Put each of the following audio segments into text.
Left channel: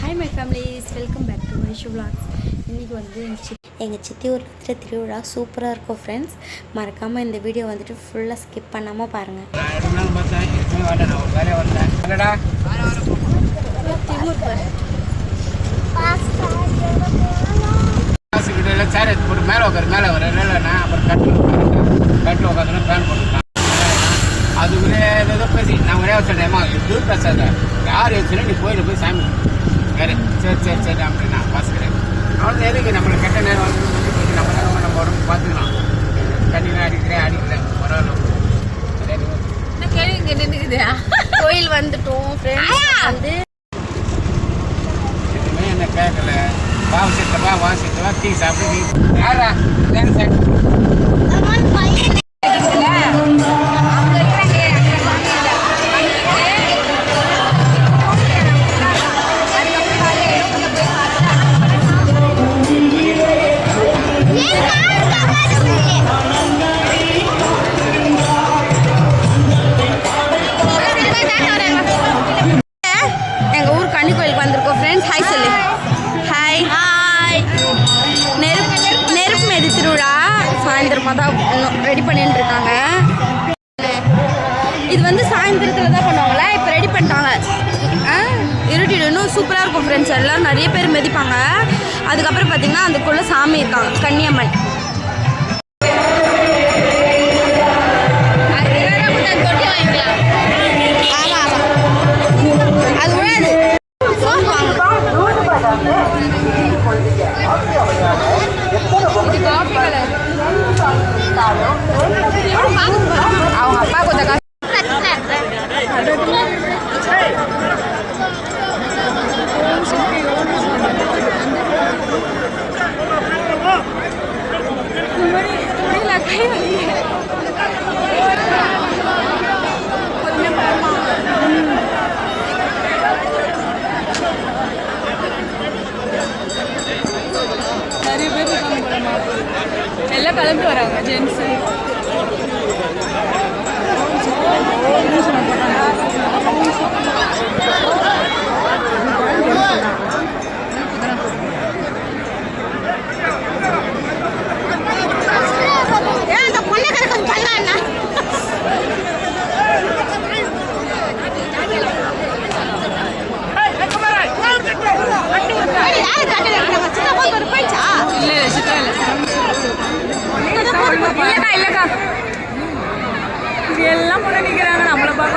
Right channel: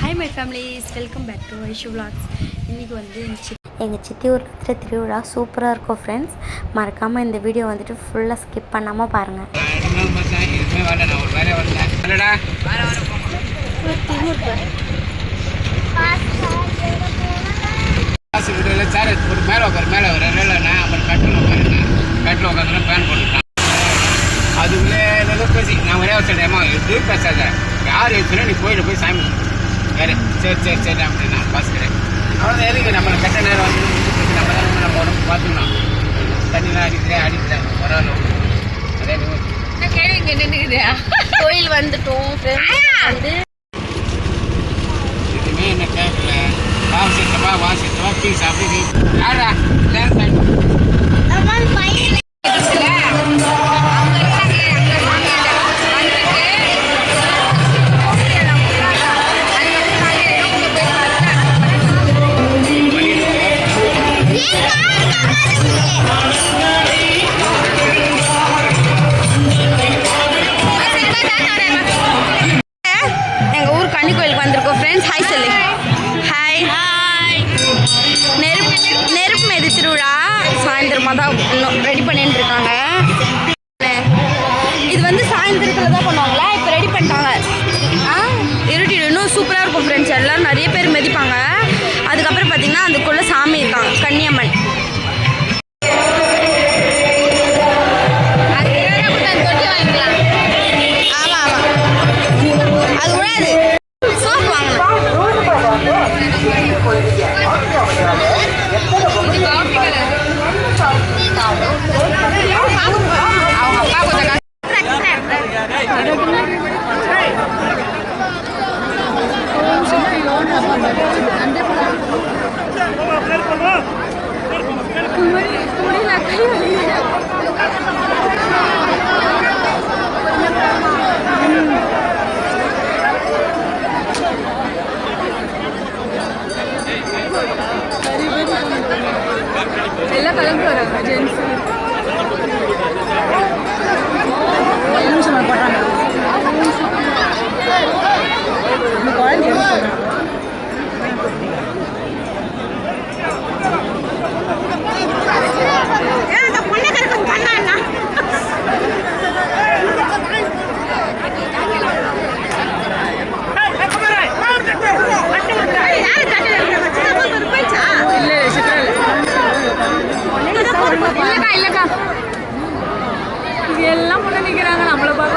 Hi my families, welcome back to Aishu vlogs. இன்றைக்கி வந்து எங்கள் சித்தி ஊரில் திருவிழா சூப்பராக இருக்கும் ஃப்ரெண்ட்ஸ். மறக்காமல் இந்த வீடியோ வந்துட்டு ஃபுல்லாக ஸ்கிப் பண்ணாமல் பாருங்கள். மேலே ஒரு ரேலண்ணா அப்புறம் கட்டில் உட்காந்துனா பேன் போட்டுட்டான். அதுக்குள்ளே ஏதோ பேசி நான் ஒரே சொல்கிறேம்மா எதுவும் பேசாத, யார் எடுத்துனா நீ கோயிலில் போய் சாமி வேறு சரி அப்படின்னா பாஸ்கரேன். அவ்வளோ எதுக்கு நம்ம கெட்ட நேரம் வந்து நம்ம தான் நம்ம உடம்பு பார்த்துக்கலாம். தண்ணிலாம் அடிக்கிறேன் பரவாயில்ல. கோயில் வந்துட்டோம் ஃப்ரெண்ட்ஸ். வந்து எதுவுமே என்ன கேட்கல. வாசித்தவா டீ சாப்பிட்டு யாரா எங்கள் ஊர் கன்னி கோயிலுக்கு வந்திருக்கோம் ஃப்ரெண்ட்ஸ். ஹாய் சொல்லு. Hi hi. நெருப்பு மேது திருவிழா சாயந்தரமாக தான் இன்னும் ரெடி பண்ணிட்டு இருக்காங்க. இது வந்து சாயந்தரத்தில் தான் பண்ணுவாங்களா, இப்போ ரெடி பண்ணிட்டாங்க. இருட்டிடு இன்னும் சூப்பராக இருக்கும் ஃப்ரெண்ட்ஸ். எல்லோரும் நிறைய பேர் மிதிப்பாங்க. அதுக்கப்புறம் பார்த்திங்கன்னா அதுக்குள்ளே சாமி இருக்காங்க, கன்னியம்மன். அது விடாது, சோப்பு வாங்கணும். எல்லாம் கலந்து வராங்க ஜென்ஸு. இல்லை சித்ரா இல்லைக்கா இது எல்லாம் பொண்ணு நிற்கிறாங்க, நம்மளை பார்க்க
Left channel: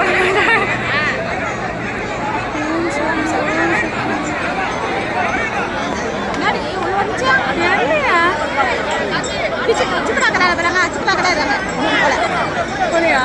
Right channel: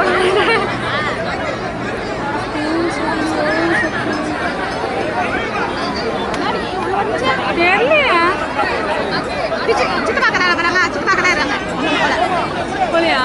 போலியா?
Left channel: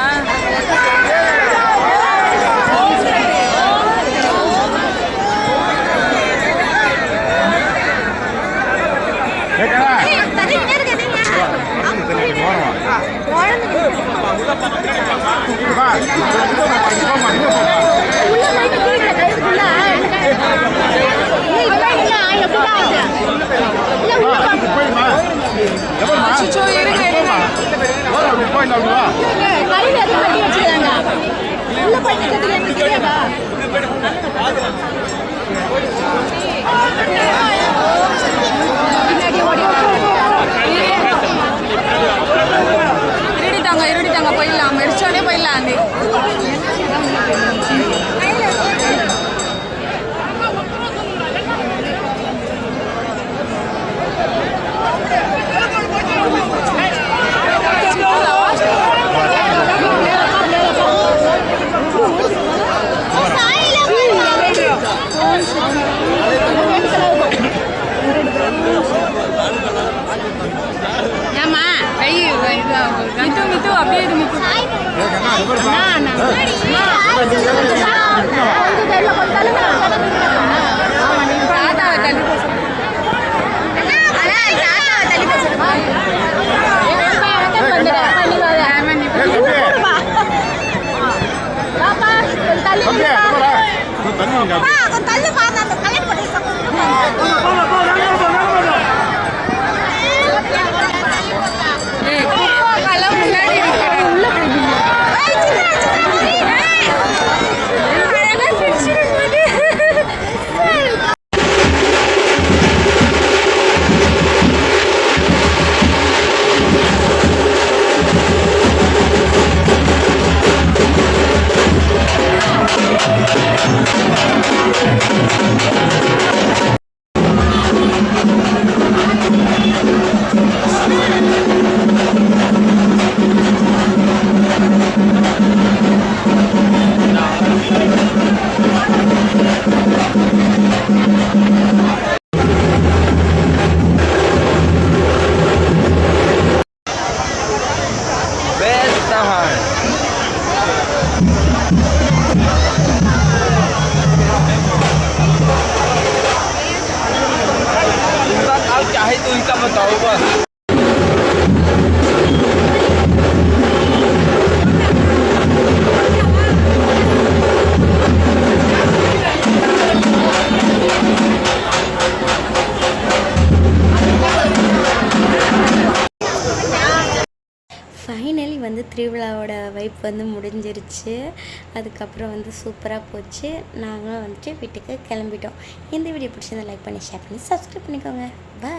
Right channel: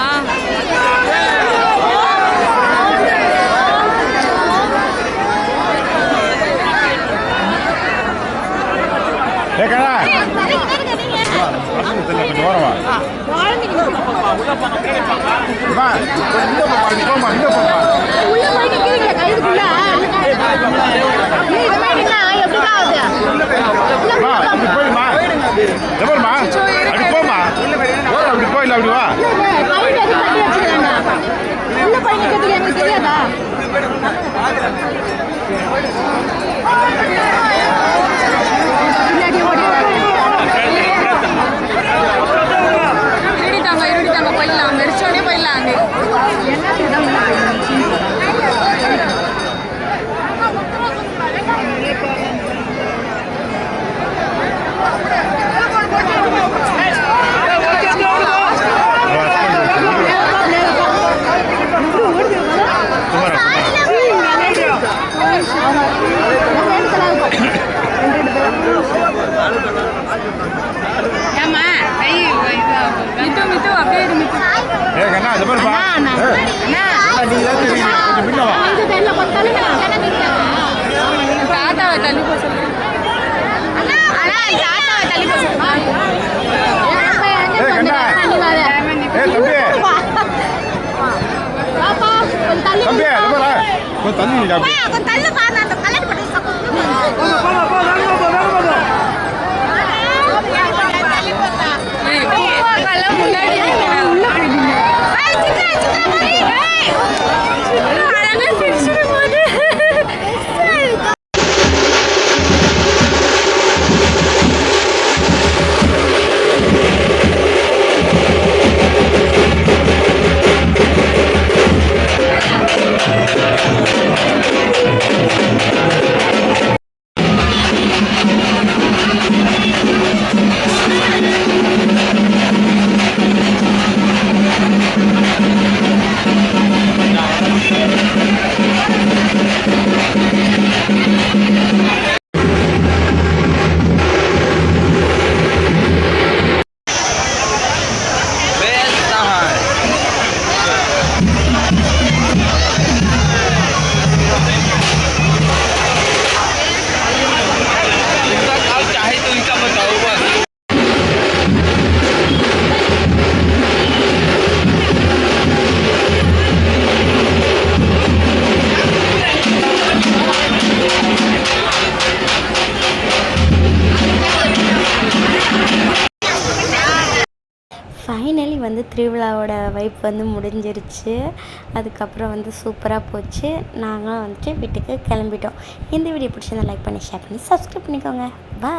இருடித்தாங்க போயிடலாம், மெடிச்சோடனே போயிடலாம். மித்து அப்படியே இரு மித்து. தாத்தாவை தள்ளி போக சொல்லு. முன்னாடி உள்ள போயிடுங்க. ஃபைனலி வந்து திருவிழாவோட வைப் வந்து முடிஞ்சிருச்சு. அதுக்கப்புறம் வந்து சூப்பராக போச்சு. நாங்களும் வந்துட்டு வீட்டுக்கு கிளம்பிட்டோம். இந்த வீடியோ பிடிச்சிருந்தா லைக் பண்ணி ஷேர் பண்ணி சப்ஸ்கிரைப் பண்ணிக்கோங்க. பாய்.